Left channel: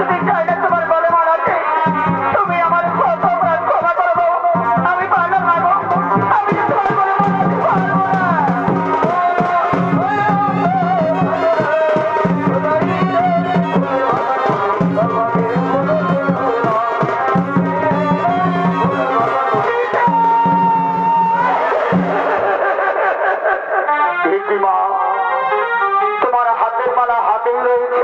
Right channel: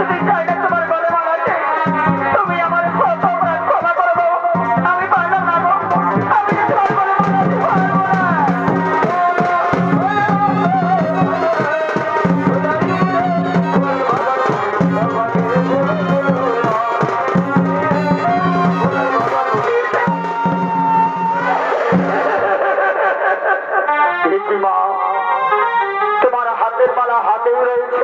তুমি চাইলে তোমার গলে মানাতে তুমি আমার কত অপরাধ ক্ষমা করে দাও। আমি পারলাম না গো, আমি তোমার গলে মানাতে পারবো না। মা, তোমার হাতের মালা হাতেই রয়েছে।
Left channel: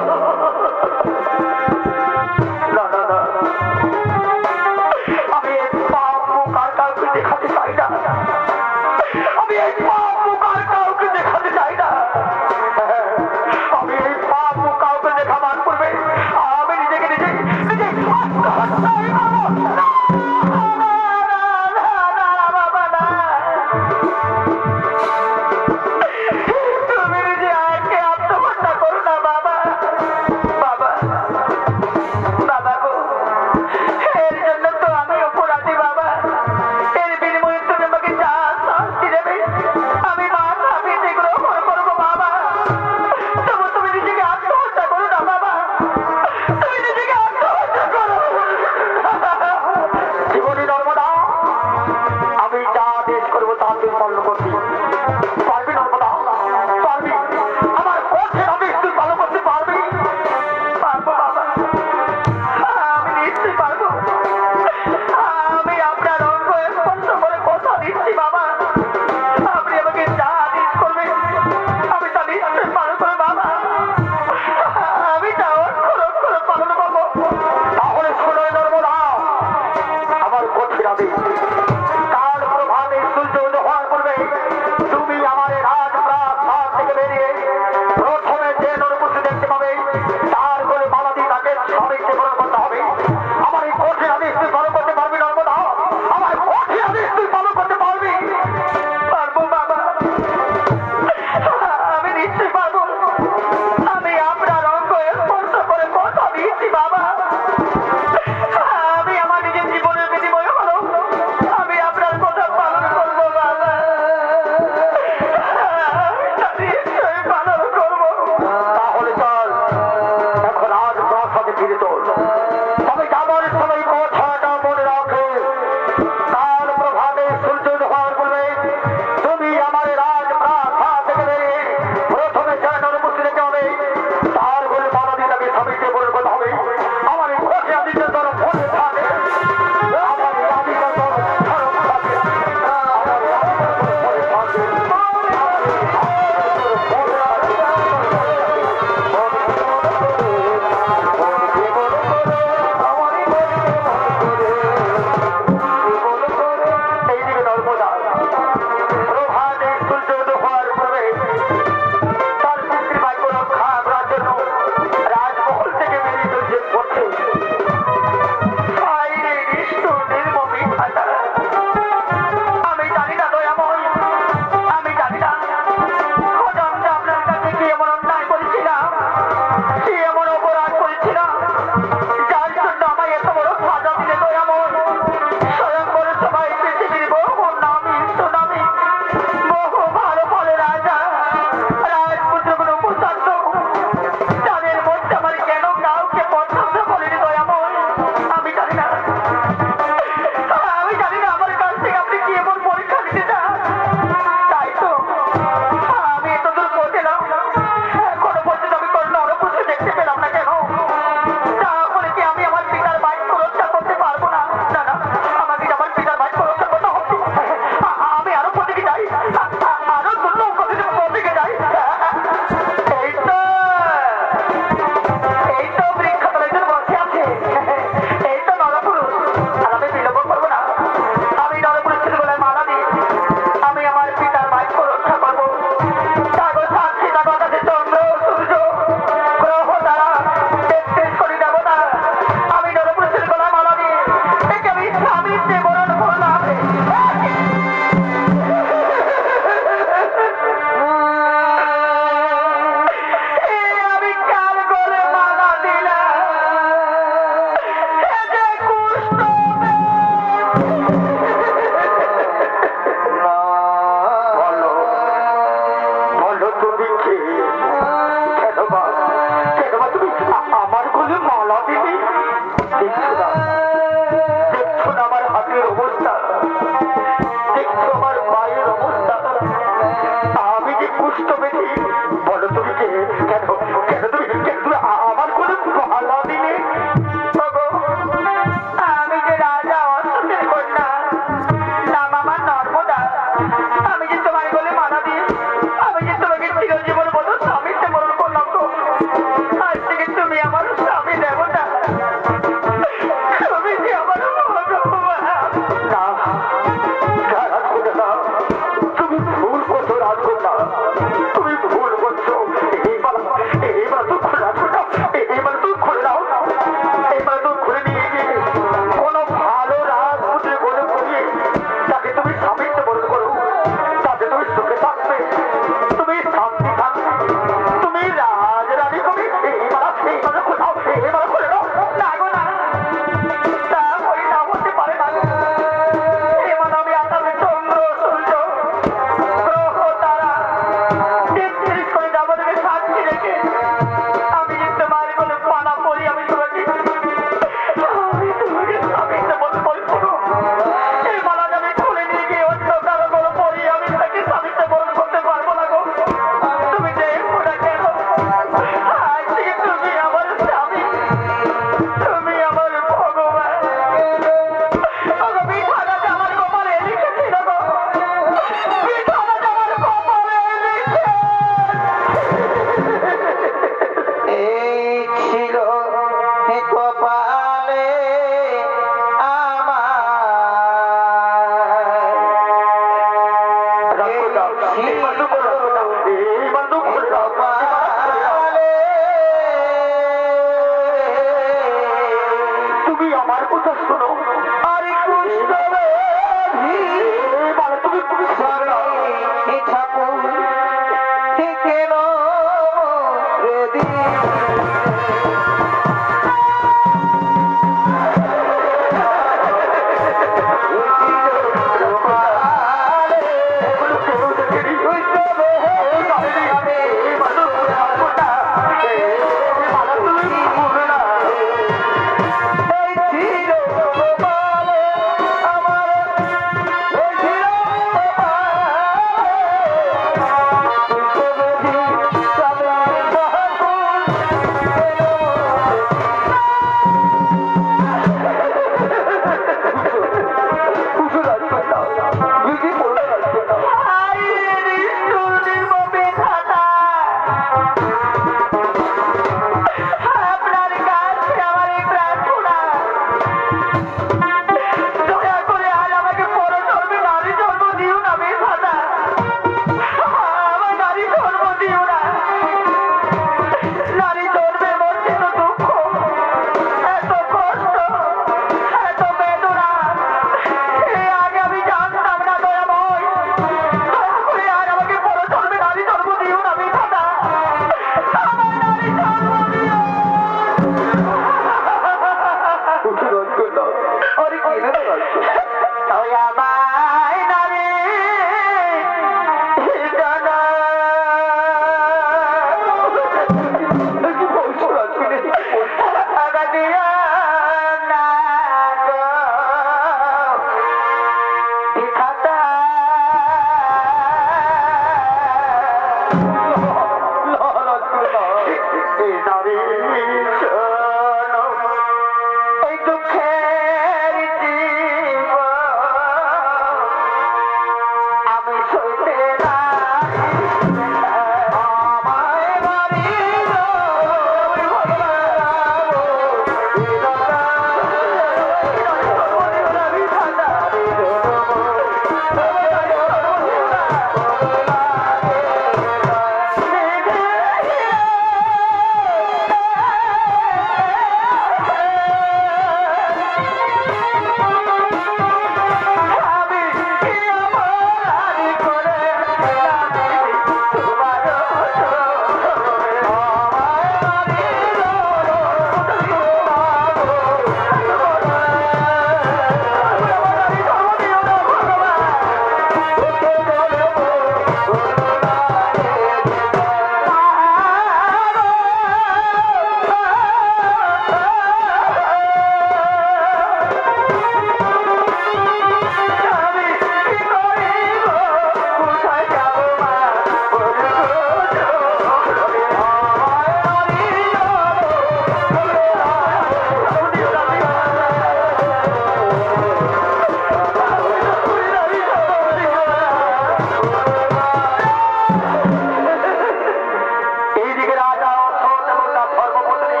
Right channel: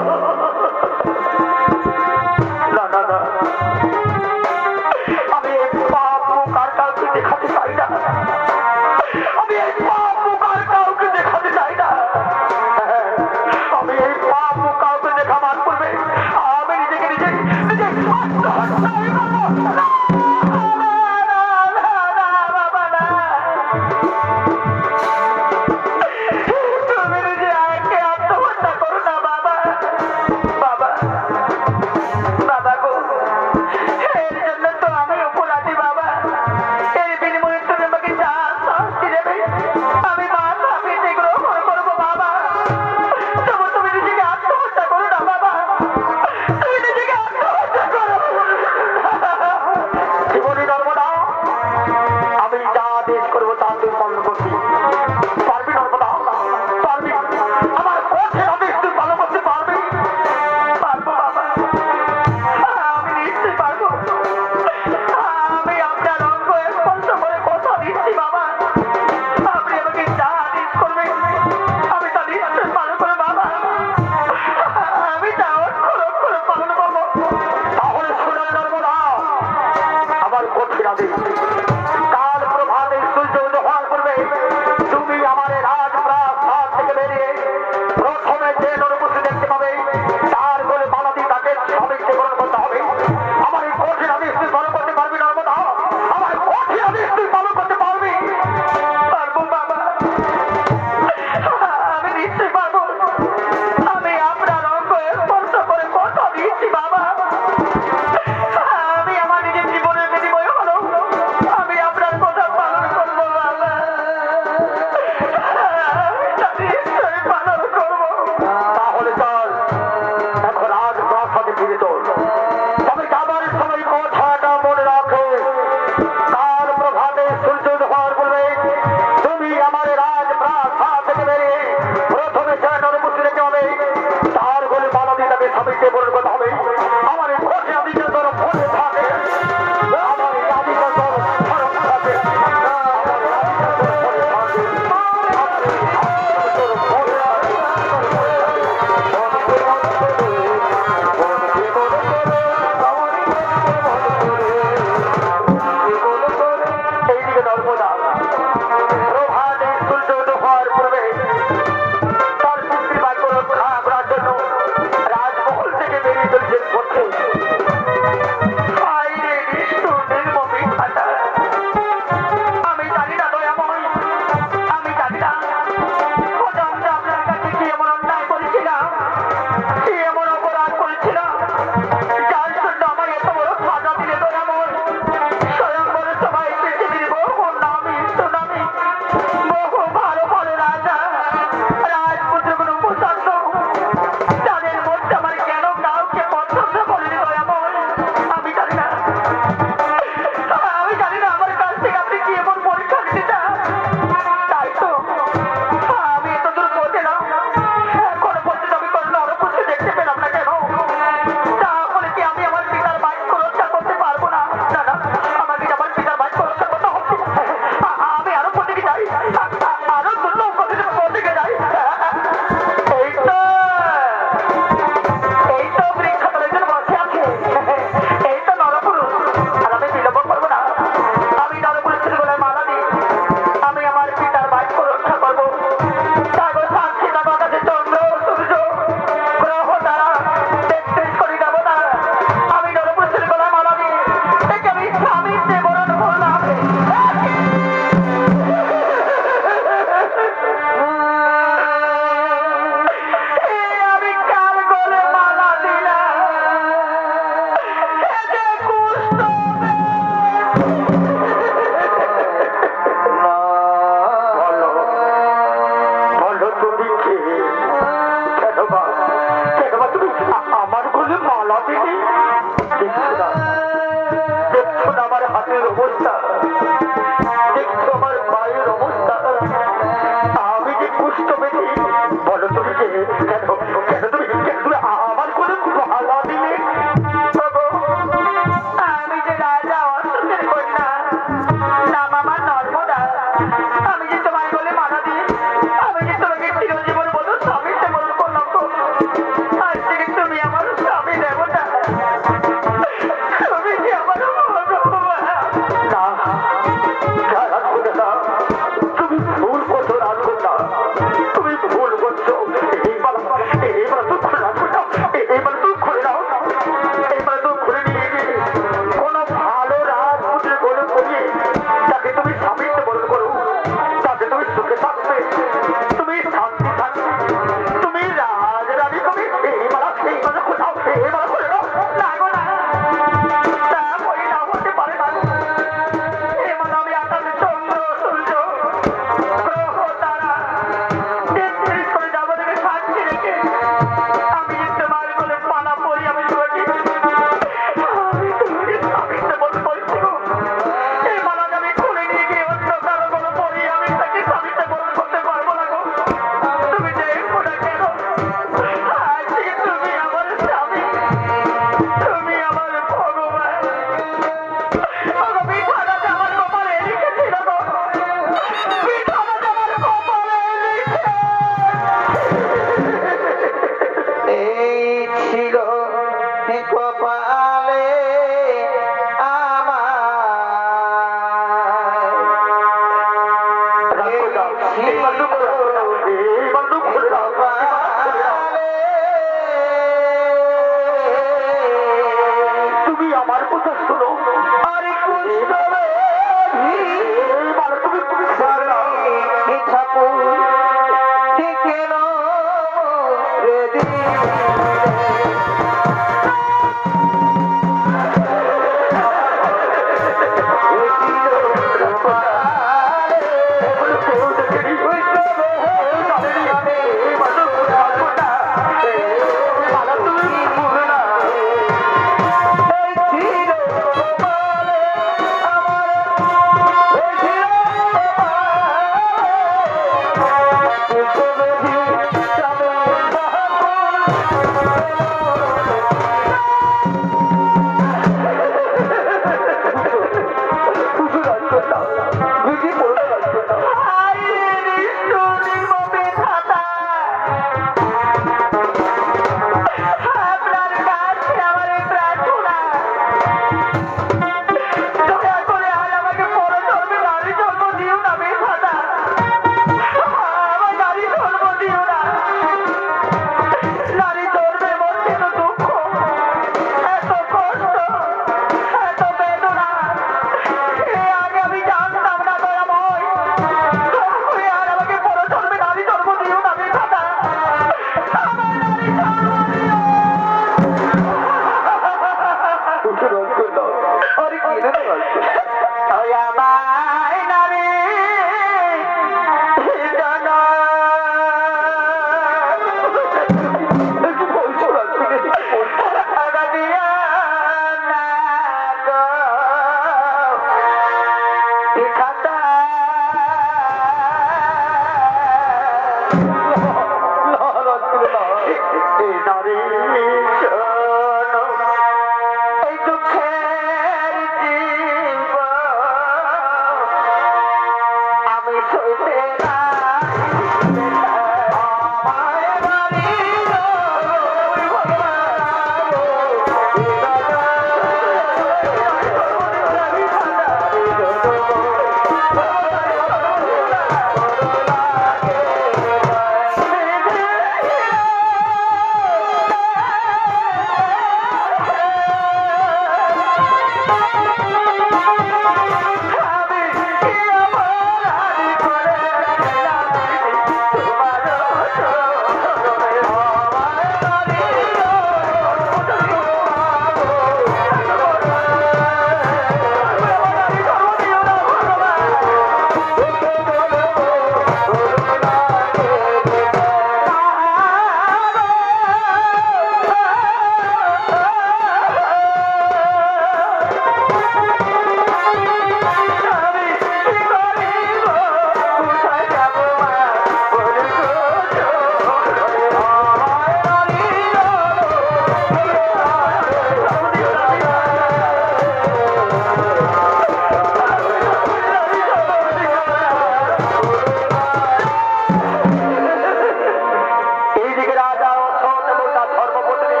এইদিকে রাজা অসৎ এবং তার ধর্মপত্নী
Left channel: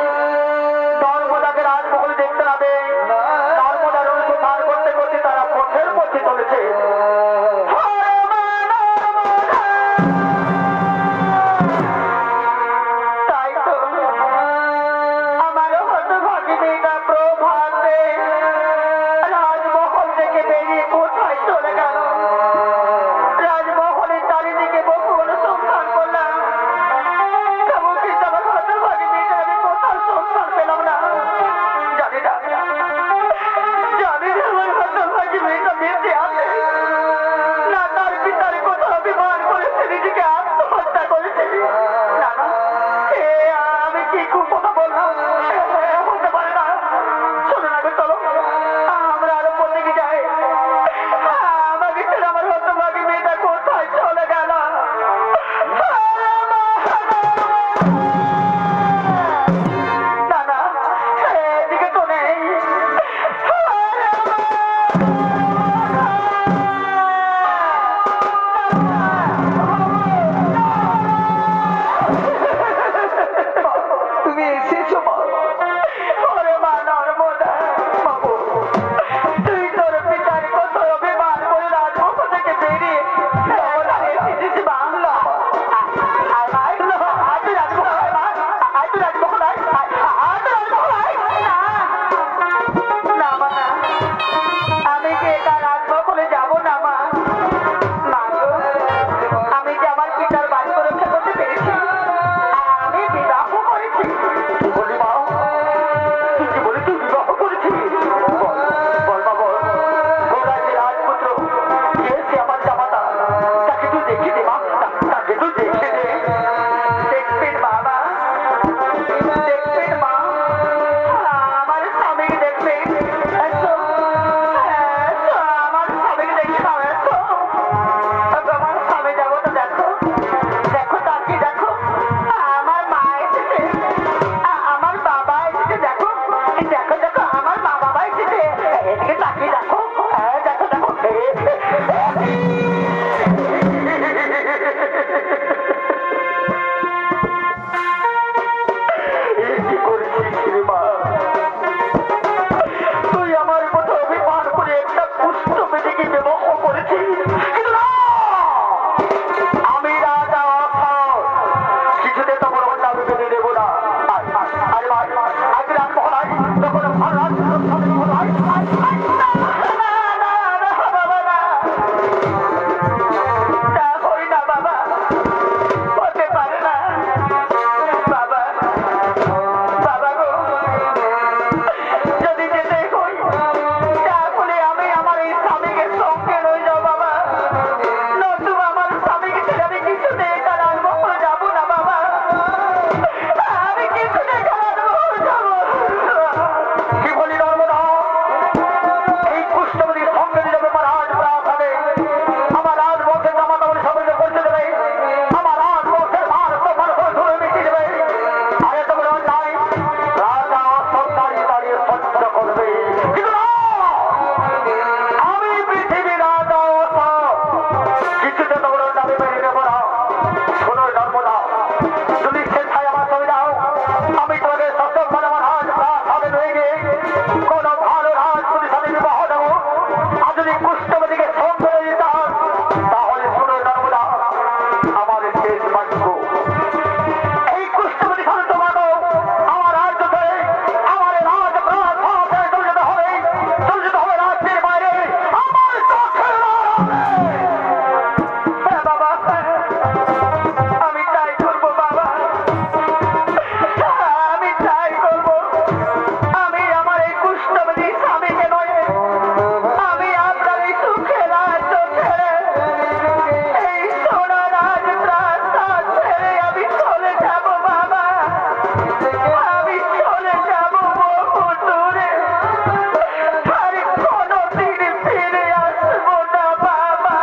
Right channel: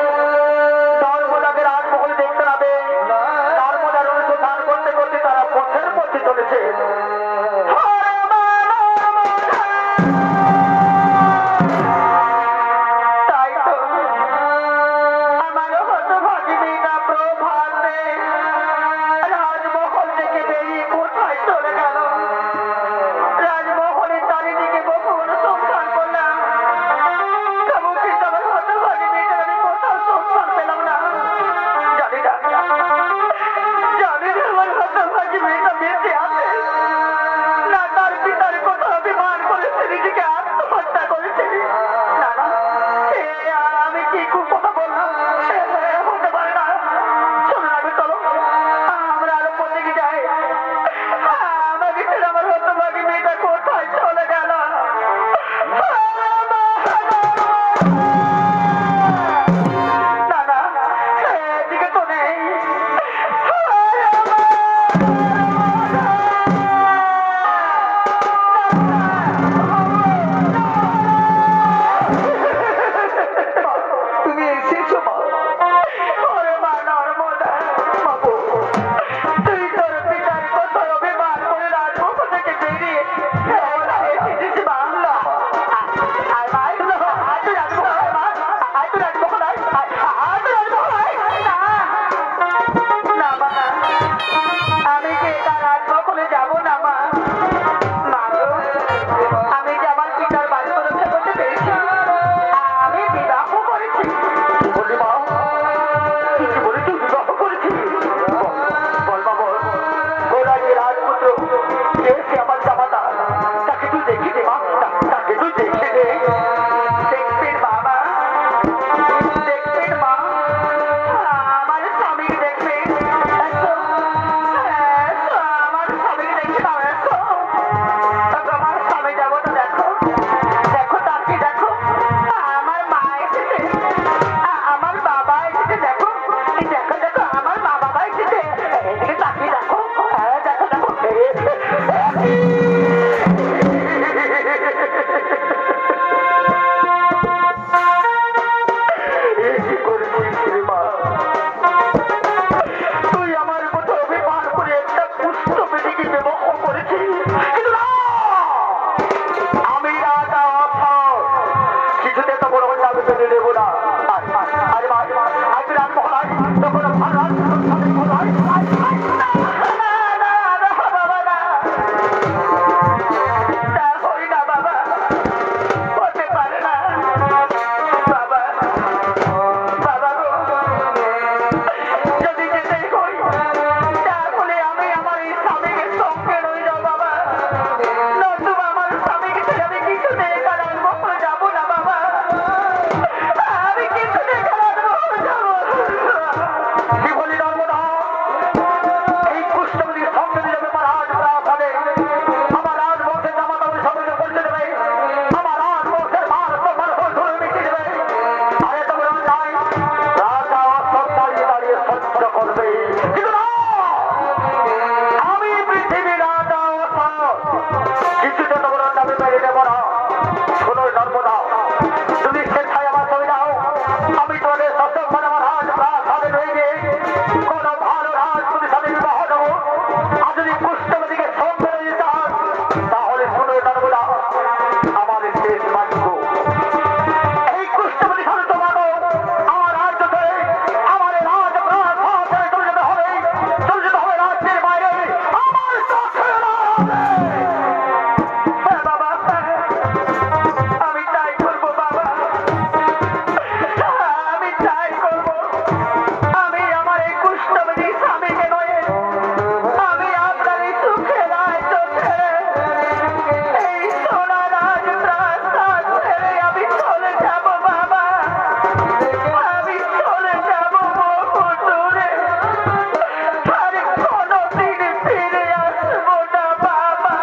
নর্মদাকে রাজমহল দেখতে না পেয়ে নর্মদার অনুসন্ধান করতে করতে তারা পথের মধ্যে চলেছে। তাই তো আমার হতভাগী মেয়েটা প্রভাতে রাজমহল থেকে বেরিয়ে কোথায় চলে গেল। রাজমহলের চারিদিকে বহু অনুসন্ধান করলাম, তবু কিন্তু আমার হতভাগী মেয়েটা আমি কোথাও সন্ধান পেলাম না। জানি না আমার হতভাগী মেয়েটা বেঁচে আছে না তার পিতার কোথাও অভিমান করেছে, নিজেকে আত্মহত্যা করেছে। না না, আমি কি কথা বললাম, হতে পারে না। চলো না, চলো আমরা আরো পথে গিয়ে যাই। আমাকে ছেড়ে আমার হতভাগী মেয়েটা কোথায় চলে গেল। না না, এদিকে তো নেই। তুমি এসেছো মা? ওরে মা নর্মদা, মাগো তুই তোর পিতার কত অভিমান করে রাজমহল থেকে বেরিয়ে এসেছিস বাংলা। আয় মা, আয় তুই রাজমহল আয় মা, আয় তুই রাজমহল আয়, আয় তুই রাজমহল আয়। না মা না, আমি কি একা রাজমহলে যাবো না মা। মাগো আমি যে আমার পিতার বাড়ি রক্ষা করতে পেরেছি, আমি বিবাহ করেছি। বলি মা, তুই কি বলি তুই বিবাহ করেছিস? বল মা বল, গোড়ায় যে রাজপুত্র কে সে আমার জামাতা, তাকে তুই দেখি দে মা, তাকে তুই দেখে দে। দেখবেন বাবা, দেখবেন মা, আমার স্বামীকে দেখবেন। এসো, এসো, আমার স্বামীকে দেখে নাও, এসো। আমার স্বামী দেবতা দেখো, দেখো তাকে দেখো, আমার মা এসেছে, আমার বাবা এসেছে, দেখো দেখো দেখো আমার মা বাবা এসেছে। এদিকে তাকিয়ে দেখো, দেখো দেখো। কি করেছিস রে মা? তুই আমার মতো অভিমান করে একটা পুষ্ট মেয়েকে বিবাহ করেছিস। কিন্তু না, আমি রাজা অর্থ কিছুতে তো বড় আমি মেনে নেব না। আরে ভাই আজকে রাজমহল আয়, তখন ভালো রাজমহল আয়। না না না বাবা না, তা হই না বাবা, হতে পারে না বাবা। বাবা গো, যদি যেতে হই তাহলে আমি আমার এই স্বামীকে সঙ্গে রয়ে যাও বাবা, নতুবা আমার স্বামীকে ছেড়ে আমি কিছুতে একা রাজমহলে যাবো না বাবা, আমি কিছুতে একা রাজমহলে যাবো। কি বলি নর্মদা, এই পুষ্পবতীর সঙ্গে নিয়ে যাবে আমার রাজপ্রাসাদ হবে, আমার রাজবংশের জামাতা বলে সবাইকে পরিচয় দেবে, আমার রাজবংশের মান সম্মান ধরে মিটিয়ে দেবে। আর এত বড় অন্যায় রাজা অশ্বত্থ দাঁড়িয়ে দাঁড়িয়ে সহ্য করবে। কিন্তু না, আমি পৃথিবীর রাজা অশ্বত্থ কিছুতে তো বড় অন্যায় মেনে নেব না। শোনো নর্মদা, তুমি স্বেচ্ছায় আমার সঙ্গে যাও, আমি তোমাদের সত্যক্ষণ আমার রাজপ্রাসাদে নিয়ে গিয়ে কোনো ভালো রাজপুতের সাথে বিবাহ দেবো। আর যদি পুষ্পবতীকে সঙ্গে নিয়ে যান তাহলে শোনো নর্মদা, আমার শেষ বাক্য, এই কুষ্ঠবতী খালি তোমাকে আমার রাজ্য ধরে আমার রাজপ্রাসাদে চলে যেতে হবে, চলে যেতে হবে রাজ্যের বাইরে, আমার চোখে না হবে। হ্যাঁ বাবা, আমি তাই করবো বাবা, আমি তাই করবো। আমি আমার এই কুষ্ঠবতী স্বামীকে নয়, আমি আপনার এই সুখে রাজ্য ছেড়ে, এই সোনা রাজপ্রাসাদ ছেড়ে আমি চলে যাবো বাবা, আমি চলে যাবো বহু দূরে, আর কোনোদিন ফিরে আসবো না বাবা।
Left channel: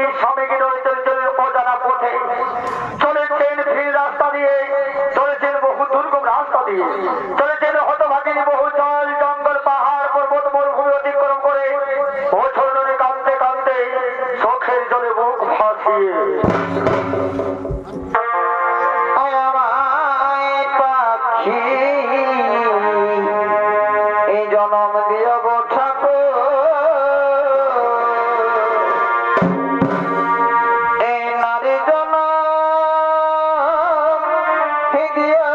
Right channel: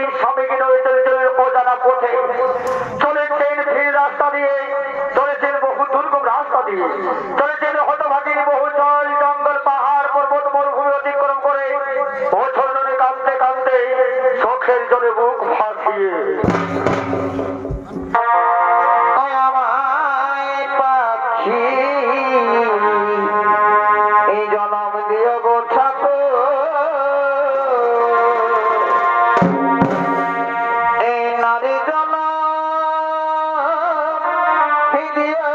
পতি স্বামীকে ধরে চলেছেন অজানা পথে, চলেছেন ভিড় রাস্তা দিয়ে, চলেছেন বহু দুর্গম রাস্তা দিয়ে, চলেছেন হতভাগী বহু জল জঙ্গল পাহাড় পর্বত মরুভূমি অতিক্রম করে বছর ধরে কাঁদতে কাঁদতে চোখের জলে মুখ ভাসিয়ে আমায় পাখি এই জনম দিও গো ঠাকুর, এই নারী জনম দিও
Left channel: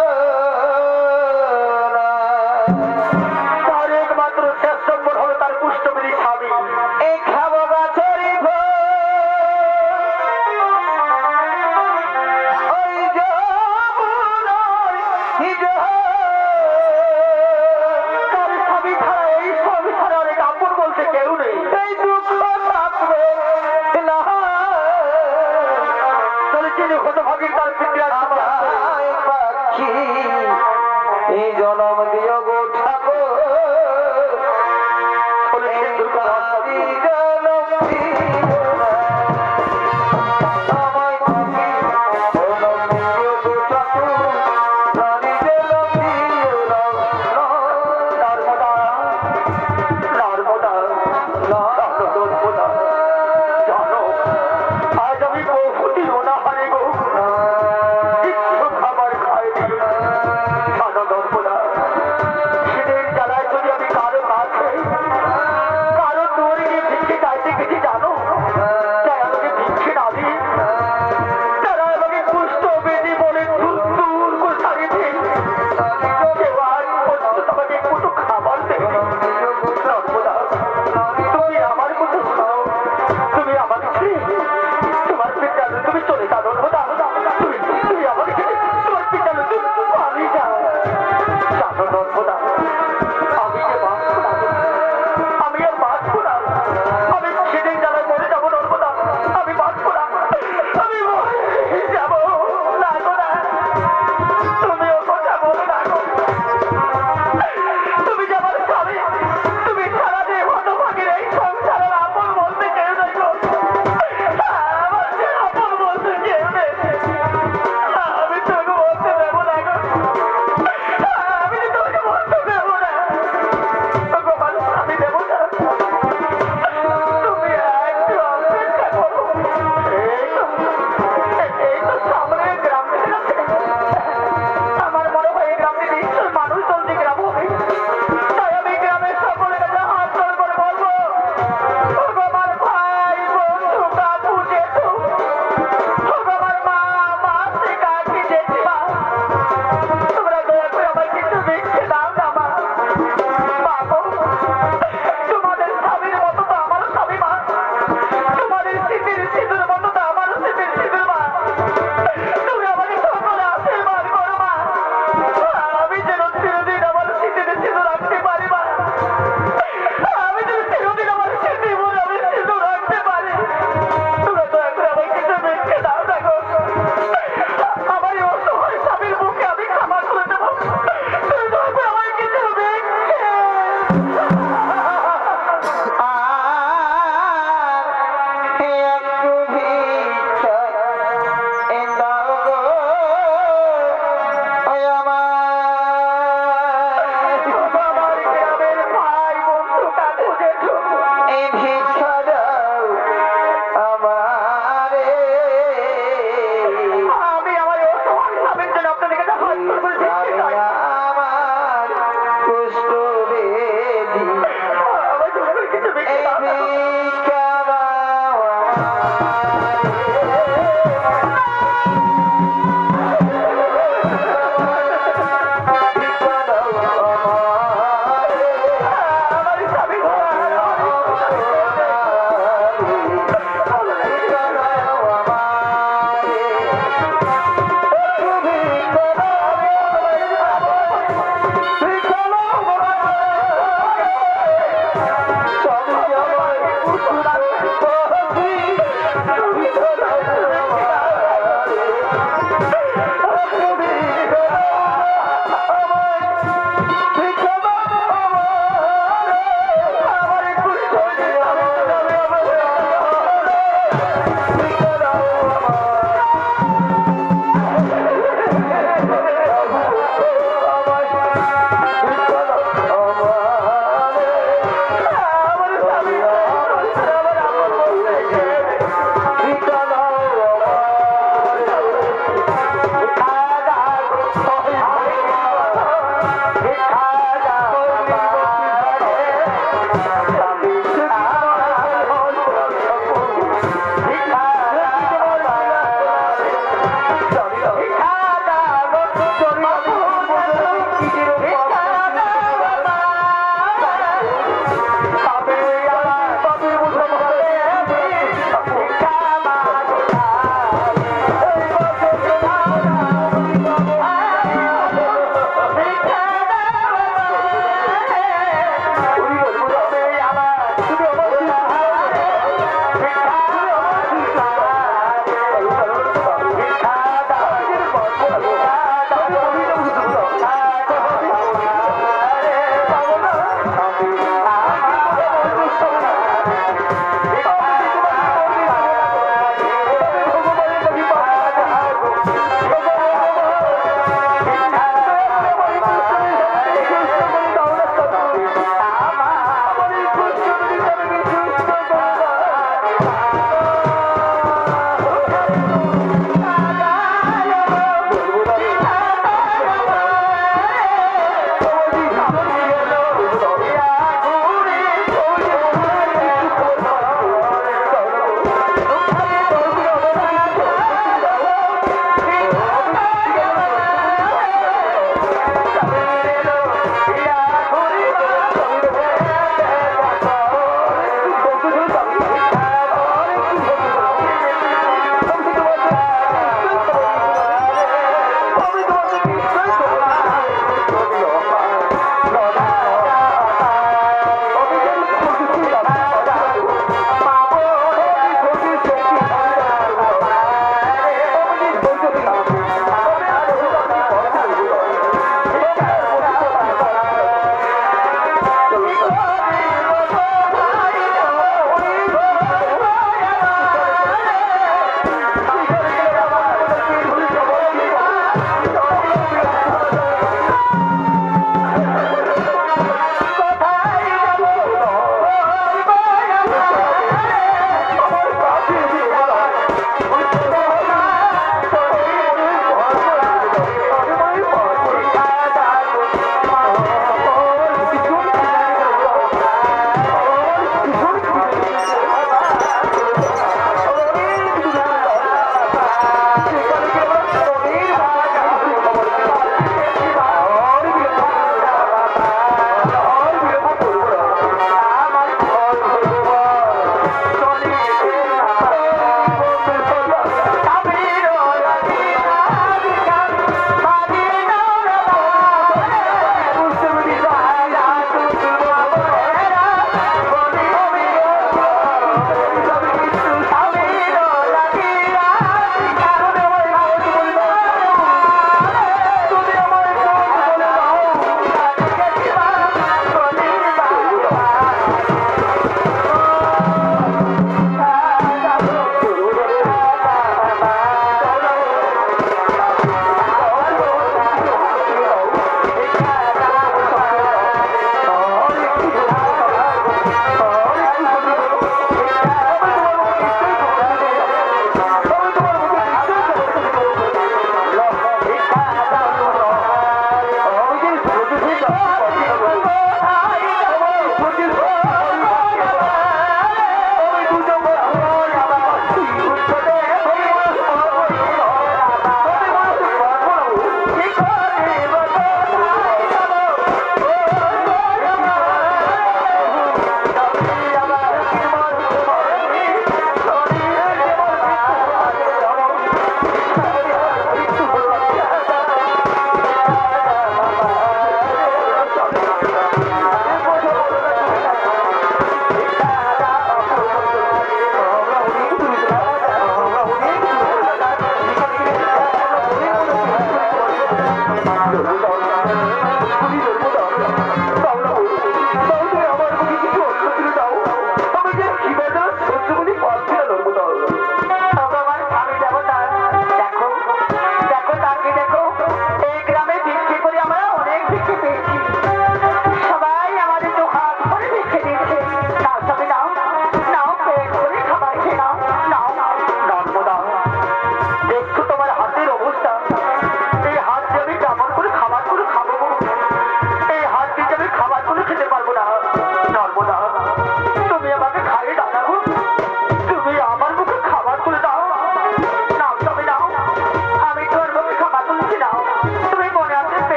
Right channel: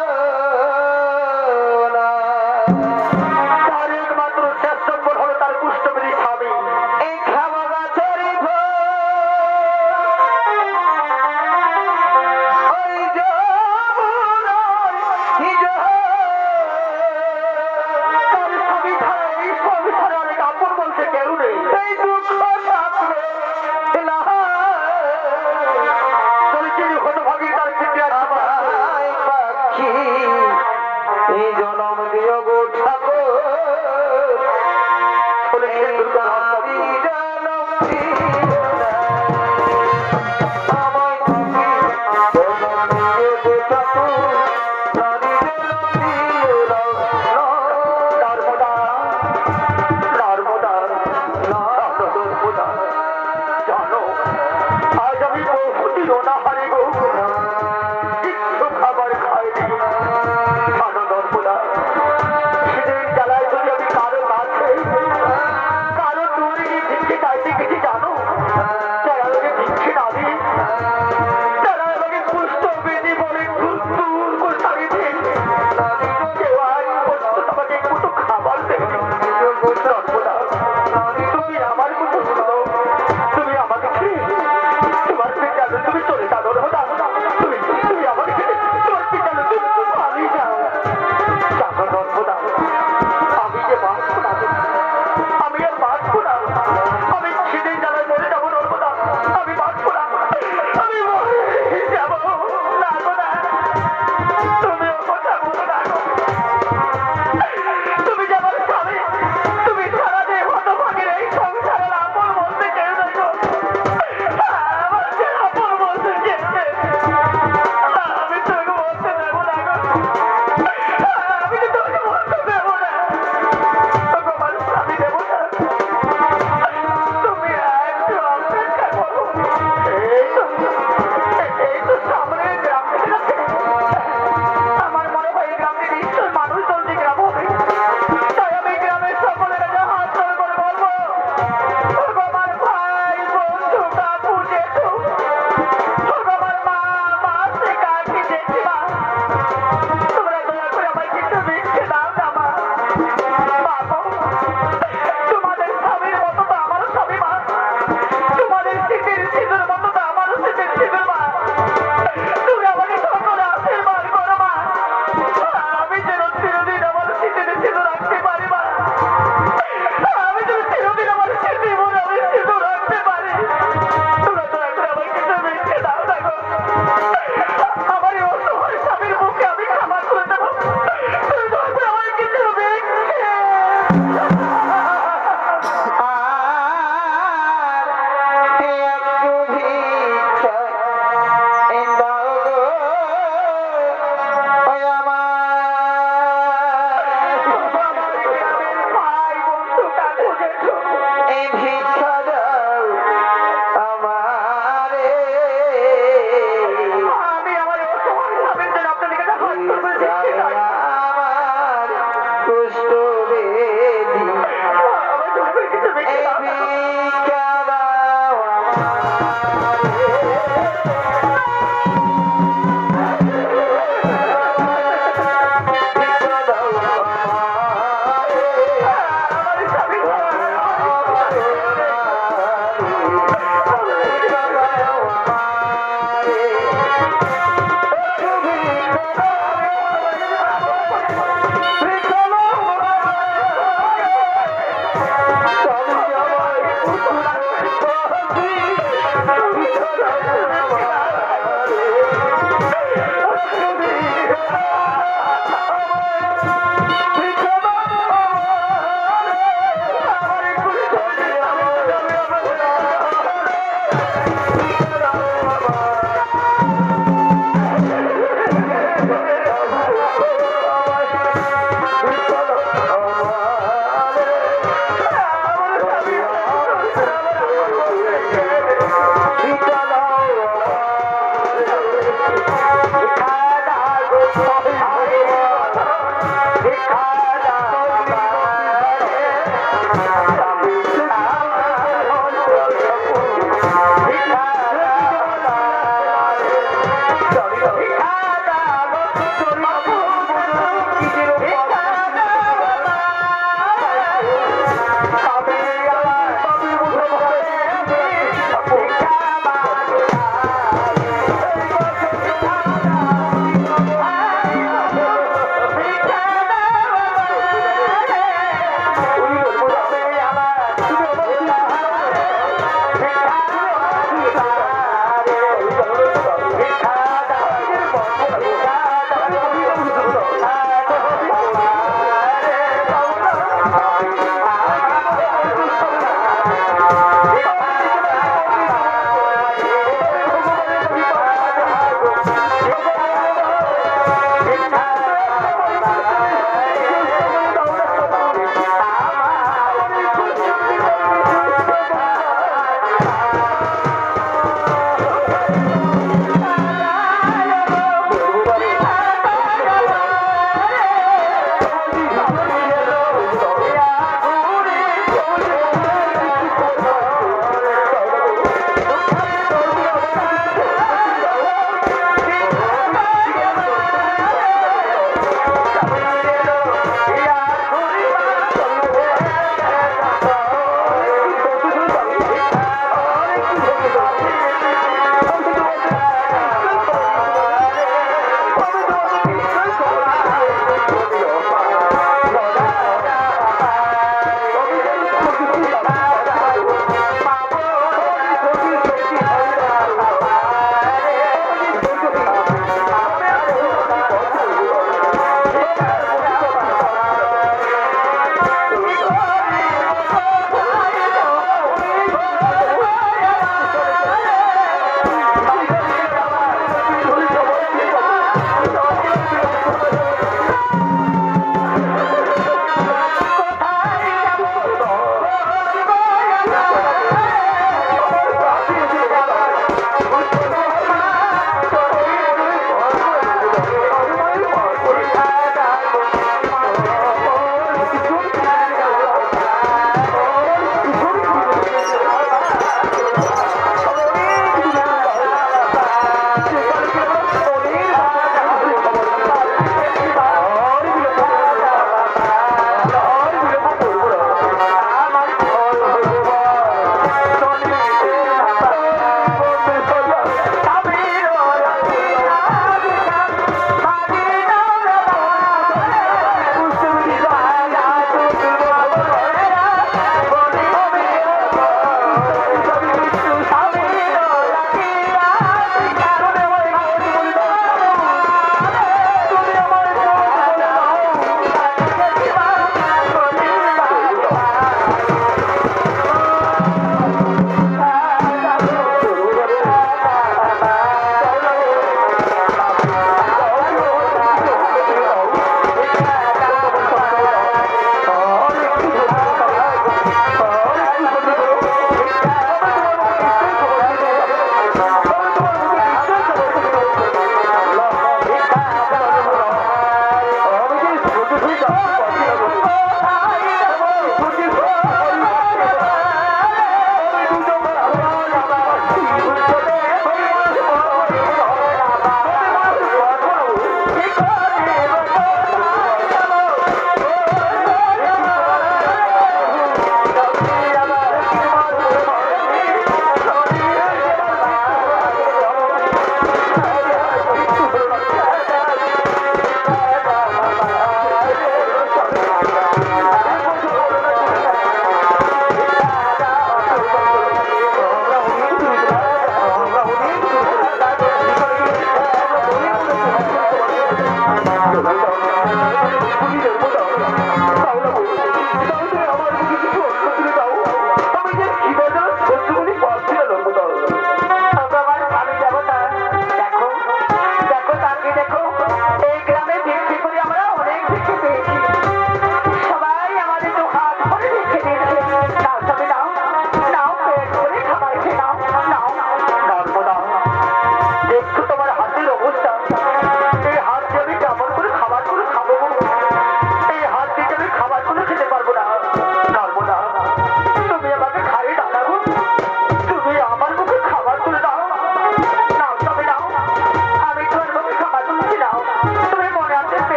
না। তার একমাত্র শেষ সম্বল হলো তার পুষ্টবিধি স্বামী। এই খাবো গাছেরই ফল, ওই যমুনার কি জল। তার স্বামী ছাড়া এই সংসারে অনেক আপন বলতে কেউ নেই। এই দুঃখ থাকবে না। চলেছেন হতভাগী তার পিটিয়া পাখি এই জনম দিও গো ঠাকুর, চলেছেন দুর্গা রাস্তা জনম দিও না। আমায় পাখি জনম দিও গো ঠাকুর, নারী জনম দিও না। নর্মদা নর্মদা নর্মদা জানো আজ আমি বহুদিন অনাহারে গো, কিছু খাবার খাইনি। জানো নর্মদা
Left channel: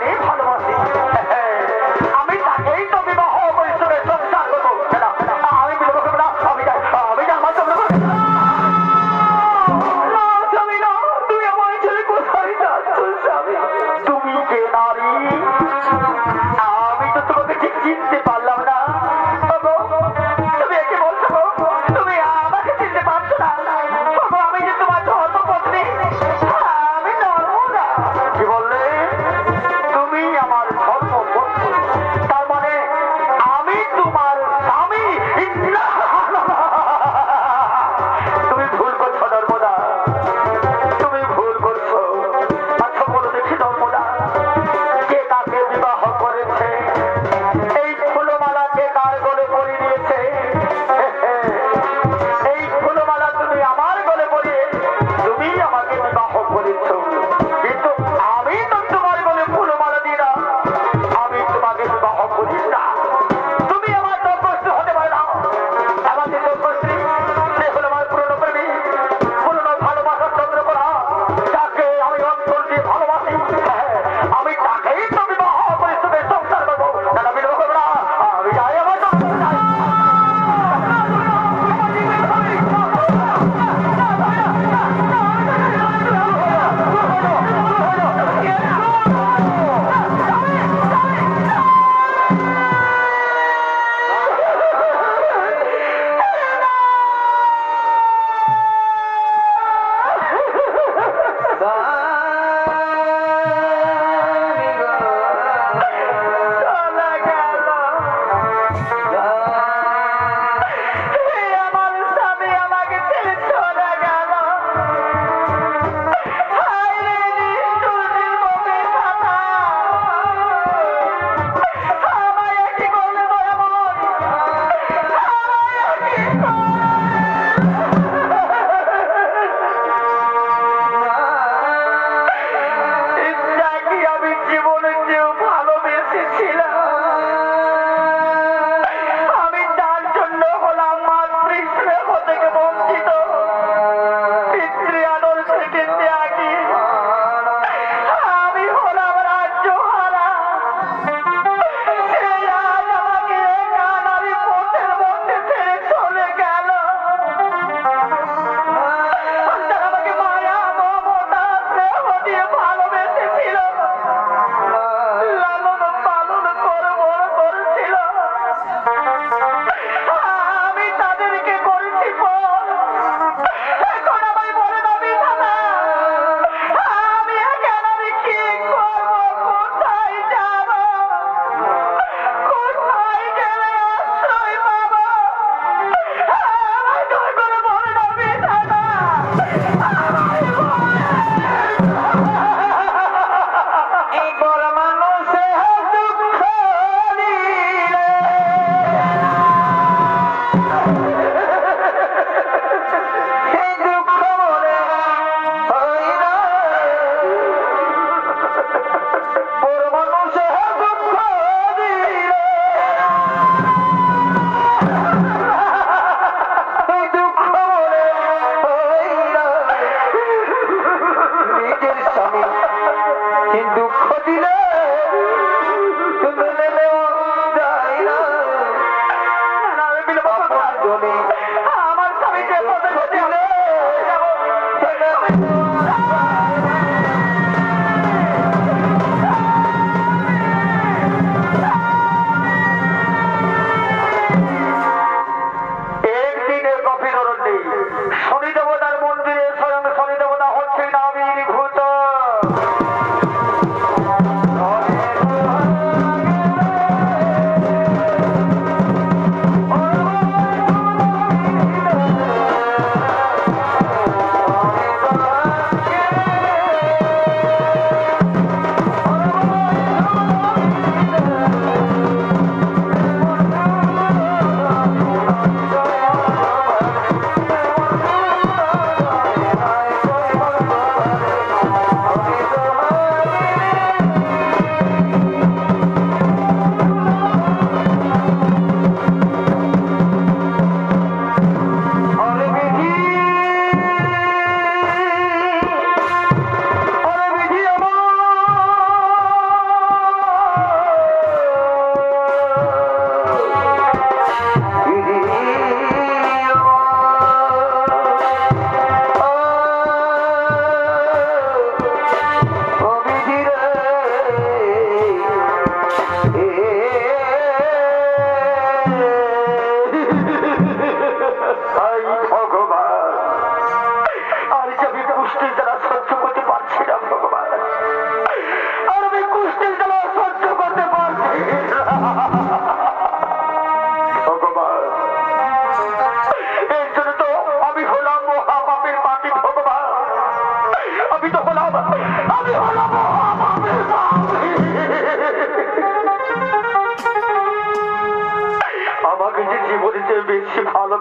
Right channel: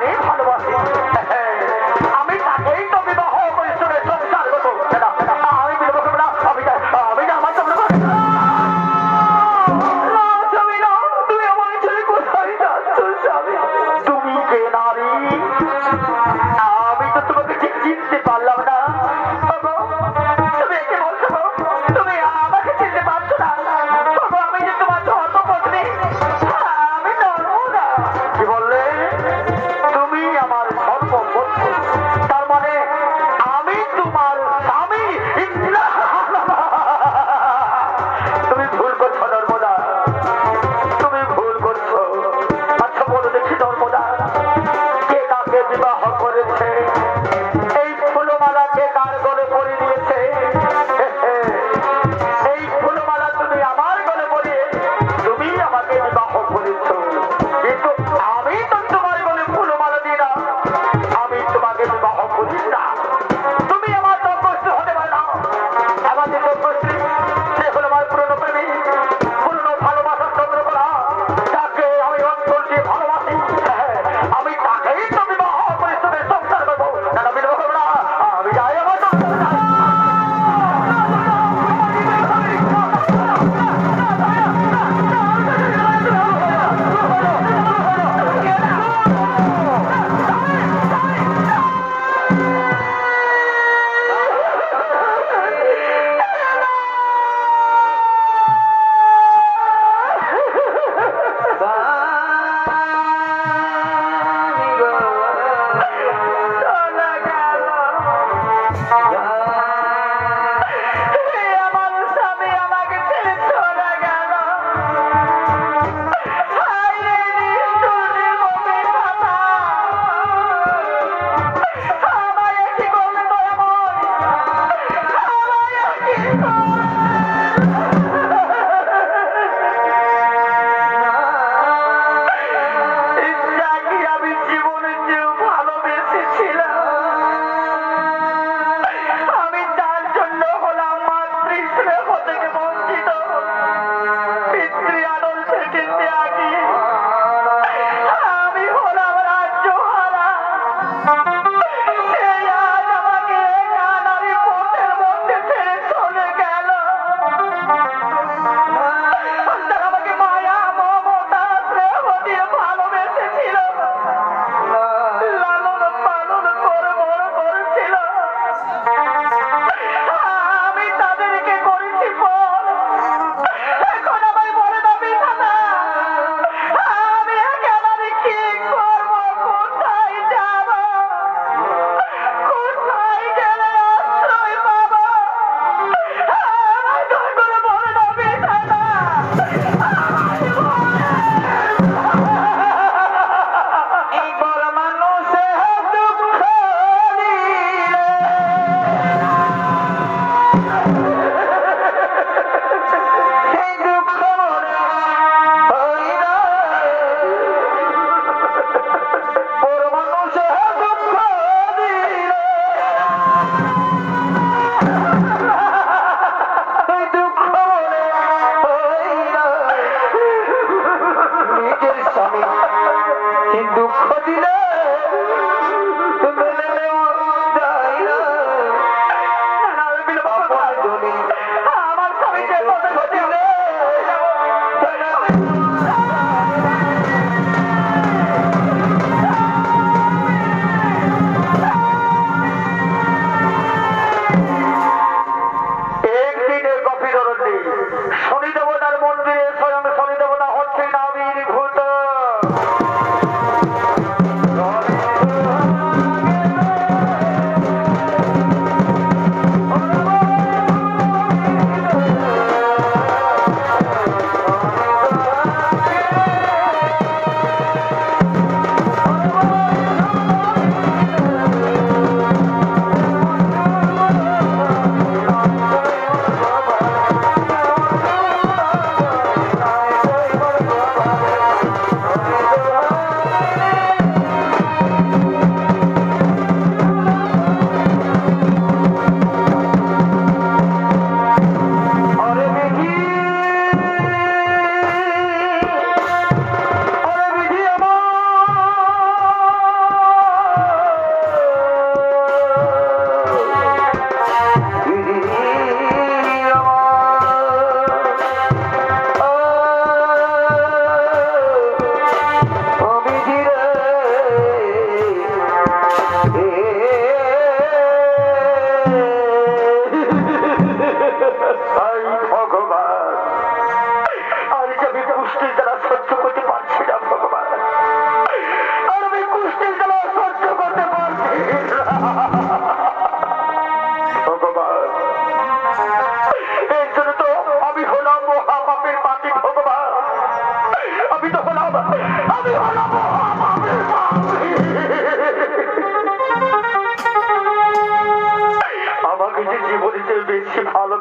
প্রাণে ভালোবাসি আমি তাকেই তো বিবাহ করে শুনে সংসার করবো আমি বিবাহ করবো না আমি আমার তোমরা তুই আমার ছেলে কোথায় যাচ্ছ স্বামী তুমি কে নারী আমি তো তোমাকে ঠিক চিনতে পারলাম না তুমি একে বলছো তুমি আমাকে চিনতে পারছো না আমি যে তোমার ধর্মপত্নী আমি নর্মদা কি বললে তুমি আমার ধর্মপত্নী তার মানে আমি তোমার স্বামী তুমি ভুল করছো নর্মদা তুমি ভুল করছো আচ্ছা বলো দেখি নর্মদা কে কাকে বিবাহ করেছে এই ফুলমালা কে কার গলে পরিয়ে দিয়েছে এই ফুলমালা তুমি আমার গলে পরিয়ে তুমি আমাকে বিবাহ করেছ কিন্তু আমি তো তোমার গলে ফুলমালা দিই না আমি তোমাকে বিবাহ করি না তুমি আমার তপস্বী হতে পারো না আমাদের তপস্বী সে হলো আমার পুরনো প্রেমী পুরনো ভালোবাসার চন্দ্রকলা যাকে আমি অন্তর দিয়ে ভালোবাসি আমি তাকেই তো বিবাহ করে তোকে সংসার করবো দাদা বিবাহ করবো না আমি যাই আমার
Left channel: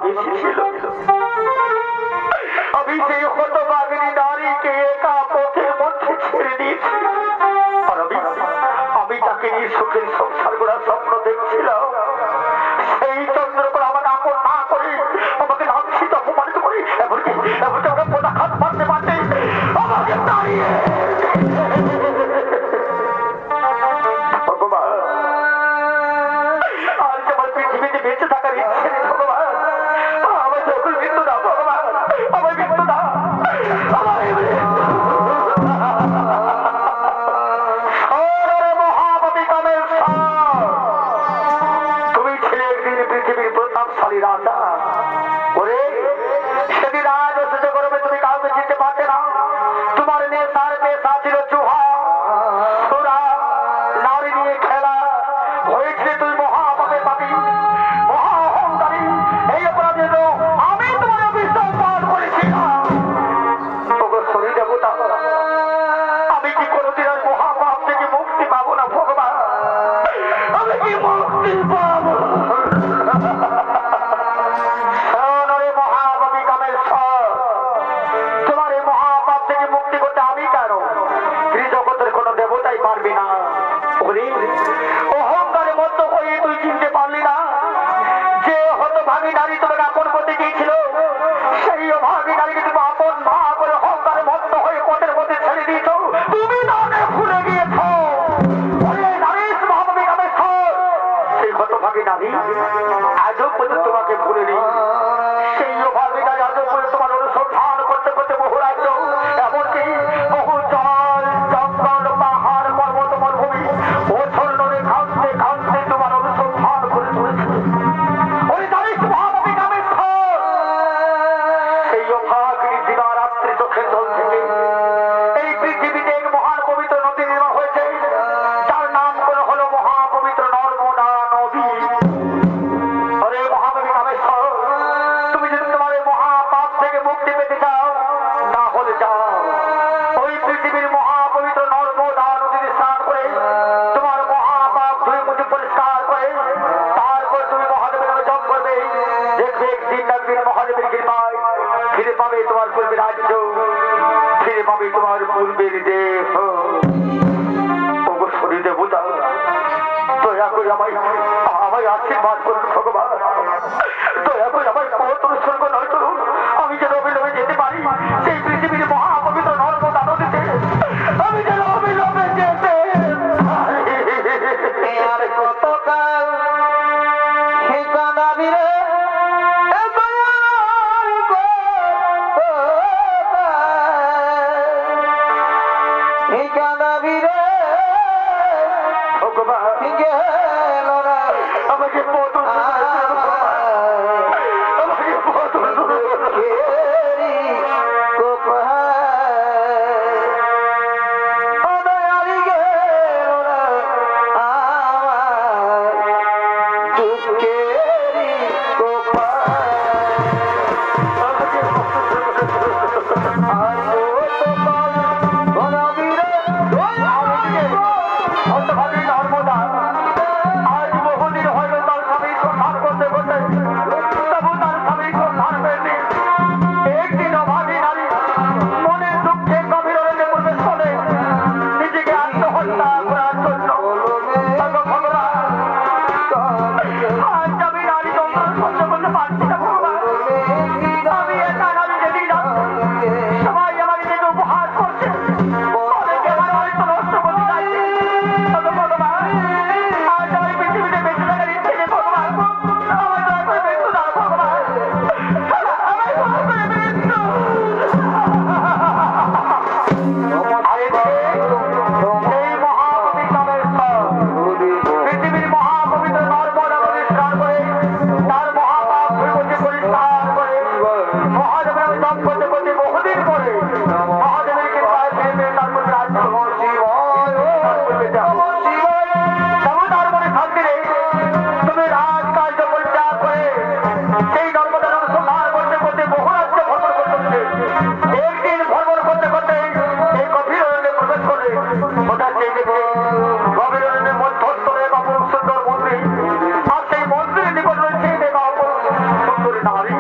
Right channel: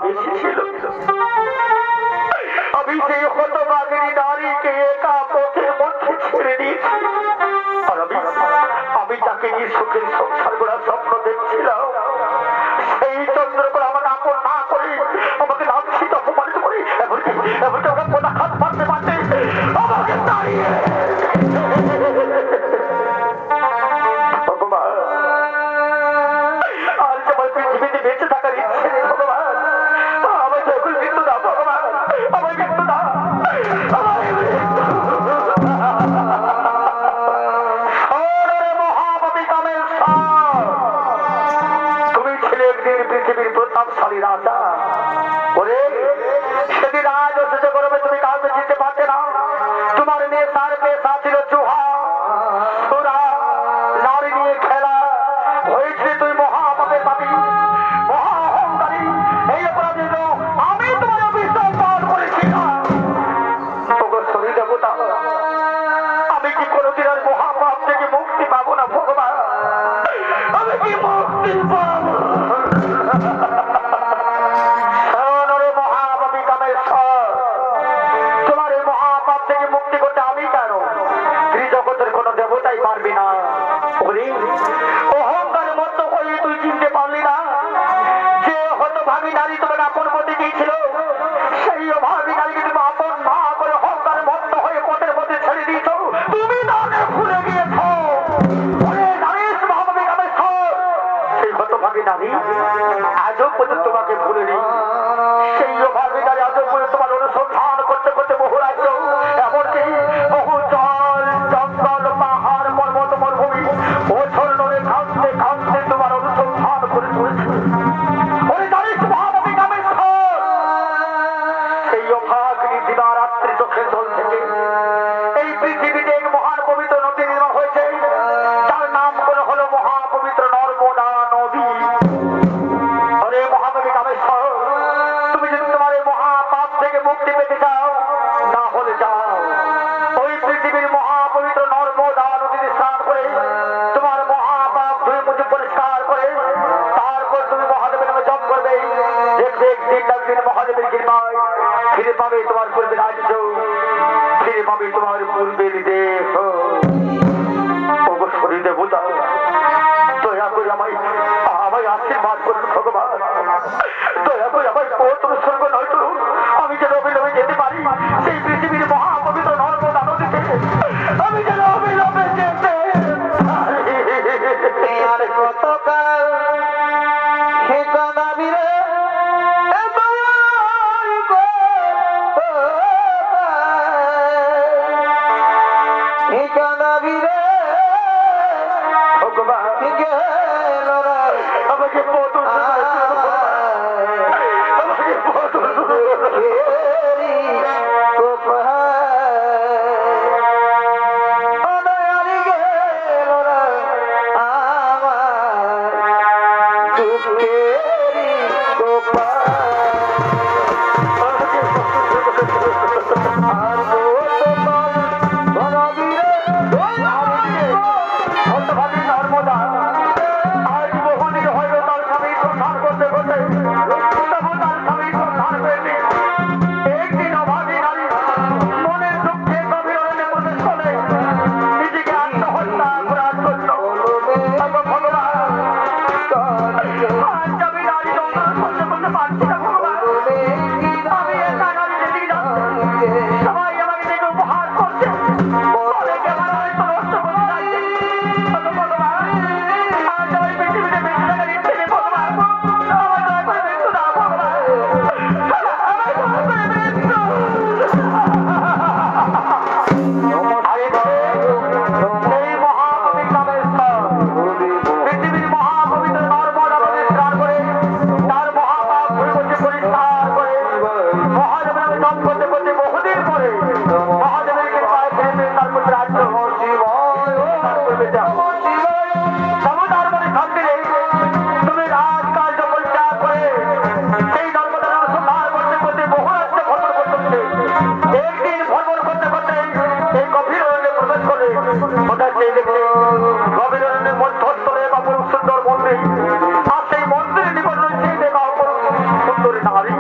বেশি ছিল। আমি সেই হতভাগিনী নারীকে একা পথের মধ্যে ছেড়ে দিয়েছি। আর আমি তাকে নিয়ে সুখের সংসার করার স্বপ্ন দেখছিলাম। সেই চন্দ্রকলা আমাকে আপন না করে আমাকে লাঞ্ছিত অপমানিত করে এমনকি ওকে পদাঘাত মারতে মারতে আমাকে দাঁড়িয়ে ভগবান আর তোমার পৃথিবীতে বেঁচে থাকার ইচ্ছে নেই ভগবান। আমার যখন মৃত্যু দাও ভগবান, আমার মৃত্যু দাও, মহাপাপী কামের তুমি ছিলে একদিন পৃথিবীর প্রতাপশালী রাজা। ওরে সেদিন আজ অসুস্থ করবে তুমি কাউকে চিনতে পারতে না। তোমার নেশার পেশা ছিল চুহা, তোরা নারী নিয়ে খেলা হয়েছে। তুই মহাপাপে পাবি, মহা অহংকারী। এই অপরাধের আমি তোমার বিশ্বাস পালন করেছিলাম। শরীর দেবতা, আমি কি কোনোদিন আর মহাপাপ থেকে মুক্তি পাবো না ভগবান? আমি কি মুক্তি পাবো? মহাপাপী কামেশ্বর, তোমার এই মহাপাপ থেকে মুক্তি করতে আমি কেন? ত্রিজগতের কোন দেবতাই পারবি না। অহংকারে মত্ত হয়ে তুই চিনতে পারলি না যে হতভাগী নারী তোমাকে আপন করতে দিয়েছিল। সেই অভাগী নারীকে তুমি আপন মা করে অহংকারে মত্ত হয়ে পথের মধ্যে ছেড়ে দিয়েছ। তুমি নামে ভুলে গিয়েছ। মহাপাপী কামেশ্বর, সেই হতভাগী নারী আজও পর্যন্ত তোমাকে ভুলে নেই। সেই অভাগী নারী আজও পর্যন্ত তোমার অনুসন্ধান করতে করতে বহু রাজ্য, এমনকি বহু জল জঙ্গল পাহাড় পর্বত মরুভূমি ওছর নদী খামতে খামতে তোমার অনুসন্ধান করে চলেছে। ওই জানিস মহাপাপী কামেশ্বর, সেই অভাগিনী দিবারাত্রি চোখের জল থেকে এই পৃথিবীতে এক মহান পবিত্র নদী নির্মাণ হয়েছে, তার নাম করে হলো মহাপবিত্র নর্মদা নদী। অরে মহাপাপী কামেশ্বর, তুমি যদি তোমার এই মহাপাপ থেকে মুক্তি পেতে চাও, না হলে যাও ওই পৃথিবীর মহাপবিত্র নর্মদা নদীতে স্নান করে তোমার মহাপাপ ধুয়ে মুছে পরিষ্কার করে তারপর তুমি মহাদেবের নামে জপ করবে। দেখবে একদিন না একদিন মহাদেবের কৃপায় ফিরে পাবে তোমার পূর্বে রাজ্য, ফিরে পাবে তোমার পূর্বের দেহ। ওগো শরীর দেবতা, দয়া করে আমায় আশীর্বাদ করুন ভগবান। দয়া করে আমার পথ অনুসর্গ নয় করুন, আমি যেন অবিলম্বে যেতে পারি সেই পৃথিবীর মহাপবিত্র নর্মদা নদীতে। আমি যেন অবিলম্বে যেতে আর কতকাল ঠিকানা বিরে ঠিকানা বিরে ভগবান আমাকে পথ আমাকে পথ আজ বহুদিন হয়তো তার স্বামী সন্ধান করতে করতে তবু তার স্বামী সন্ধান পেয়েছে। একদিন অভাগী নারী মনের দুঃখে গভীর অরণ্যে প্রবেশ করে নিজেকে আত্মহত্যা করার জন্য। ভগবান, আজ আমি নারী যন্ত্রণা সহ্য করতে পারছি না ভগবান। আমি একা নারী যেতেই যাচ্ছি, সবাই আমাকে দেখে উপহার করছে, অনেকে আমার হয়তো নষ্ট করতে চাইছে। ভগবান, আজ আমি পৃথিবীতে বেঁচে থাকার ইচ্ছে নেই ভগবান। আমার দয়া করে মৃত্যু দাও ভগবান, আমার দয়া করে মৃত্যু। এই মহাকবি কামেশ্বর পৃথিবীর মহাপবিত্র নর্মদা নদী স্নান করে তার মহাপাপ ধুয়ে পরিষ্কার করে মহাদেবের জপ করতে করতে বহুদিন পরে মহাদেবের কৃপায় ফিরে তার প্রতি রাজ্য তার মনে শান্তি নেই। তুমি রাজকার্য পরিত্যাগ করে সেই নর্মদার অনুসন্ধান করতে করতে বহু রাজ্য ভ্রমণ করতে একদিন ভ্রমণ করতে করতে এই গভীর অরণ্যে প্রবেশ করে হঠাৎ সেই দেখে গভীর অরণ্যের মধ্যস্থলে এক অপরূপ সুন্দর মন্দির, আর সেই মন্দিরের নিকট রয়েছে এক অপরূপ সুন্দর নারী।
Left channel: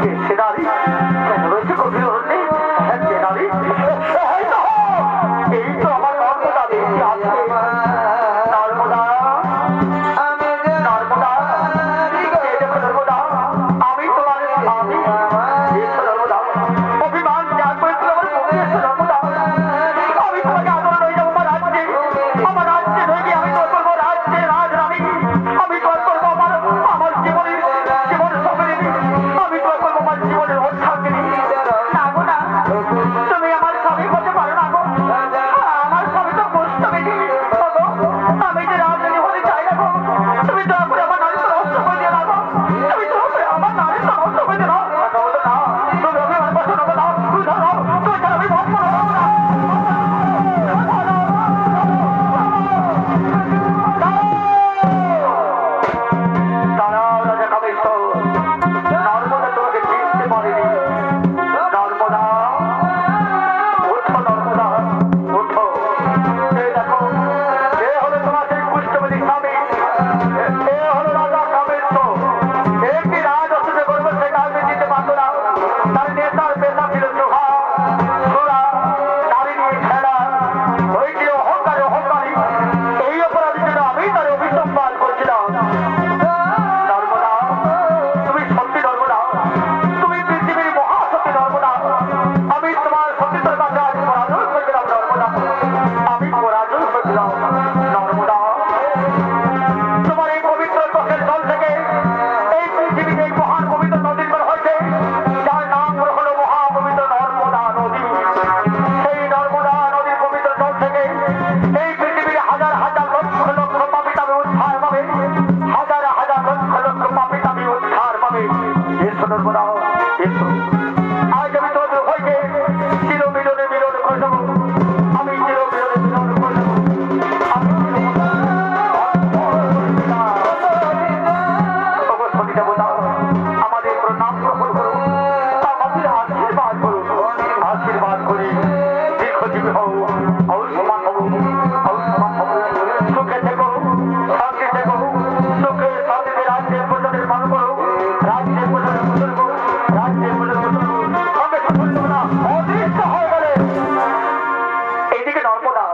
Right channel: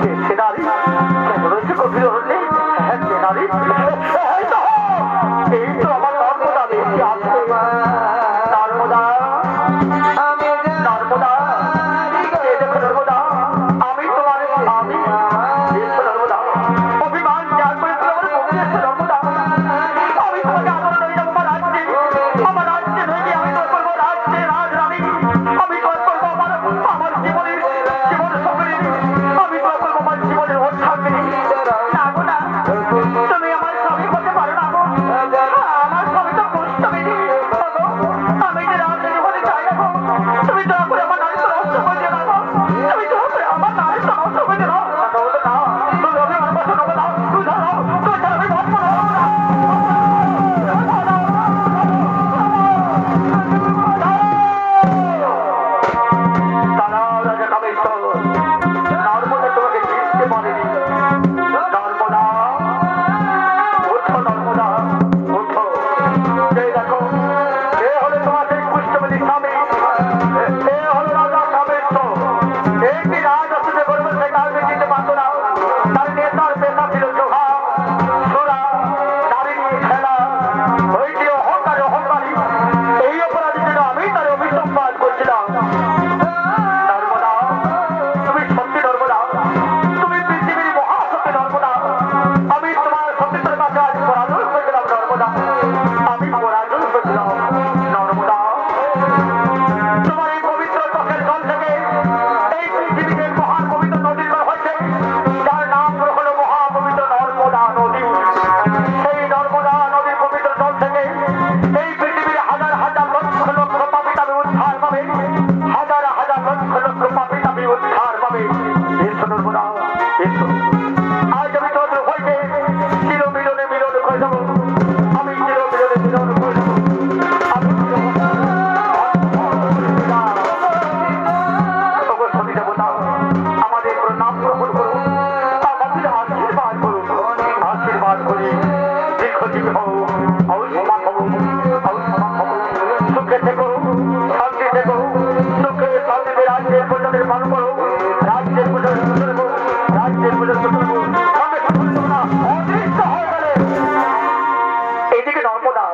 কে সে নারী? কেমন হচ্ছে গভীর হচ্ছে? হ্যাঁ কে নারী? এই তো আমার নর্মদা দেবী আছে। নর্মদা, নর্মদা, এই দেখো নর্মদা, আমি তোমার স্বামী। এসো নর্মদা, অভিমান ত্যাগ করেছিল আমার মুখে। এসো নর্মদা, আমি তোমাকে আদর করে যাবো আমার রাজ্যে। আমার রাজ্যে নয় গিয়ে আমি তো করবো রাজ্যে রাজরানী। আমি তো করবো আমার জীবনের সঙ্গে, আমি তো করবো আমার জীবনের অর্থাৎ না গো না, তুমি আমার স্বামী হতে পারো না গো। আমার স্বামী তো গোস্বামী। আমি যে রাজনীতি হতে চাই না গো। তুমি দয়া করে আমার নারী তো নষ্ট করে দিয়ে না গো। তুমি দয়া করে আমার নারী তো নষ্ট করে দিয়ে না। তুমি অভিমান বসো নেবো না, তুই ধরো, তুই ধরো, আমি ভক্ত তারা রাজা কামেশ্বর নর্মদা তোমাকে চিনতে পারেনি। নর্মদা, ওঠো নর্মদা, ওঠো। এই দেখো, এ হলো তোমার সেই পুষ্পবতী স্বামী। এ হলো রাজা কামেশ্বর। একটি রাজ অসুখে করবে, সে কাউকে চিনতে পারতো না। তার নেতার পেশা ছিল সোহা, সোরা, নারী নিয়ে খেলা। হয়েছিল অহংকারী অহংকারী। এই অপরাধী ছিল আমি তার অভিসম্পাদ করছিলাম। নর্মদা, তুমি সত্যি নর্মদা, তুমি পৃথিবীর মহাসত্যি নর্মদা। আমি তোমার সত্যিত্বের কাছে আজ পরাজয় হয়েছিলাম নর্মদা। আমি পরাজয় হয়েছিলাম নর্মদা। তোমার এই পবিত্র চোখের জল থেকে এই পৃথিবীতে মহান পবিত্র নদী বের হয়েছে, যার নাম হলো মহাপবিত্র নর্মদা নদী। সেই নর্মদা নদীর পবিত্র জল থেকে এই পৃথিবীর হাজার হাজার লক্ষ লক্ষ পাপী তাদের উদ্ধার পাবে। হাজার হাজার লক্ষ লক্ষ পাপী তাদের উদ্ধার পাবে। এসো নর্মদা, এসো। আজ আমি তোমাদের হইতে চির মিলনে মিলন করে দেবো। আমি চির মিলনে মিলন করে দেবো। আমি সতী দেবতা, আমাদের প্রণাম গ্রহণ করুন, আমাদের আশীর্বাদ করুন। আশীর্বাদ করি দীর্ঘজীবী হও, আয়ুষ্মান হব, আয়ুষ্মান হব। সুখে থেকো, শান্তি থেকো, সুখে শান্তিতে রাজ্যের প্রজাদের পালন করো। রাজ্যের প্রজাদের শোষণ করো, রাজ্যের প্রজাদের শোষণ করো। সঙ্গে শোষণ দেবো না, অদৃশ্য হয়ে গেলে এইদিকে নর্মদা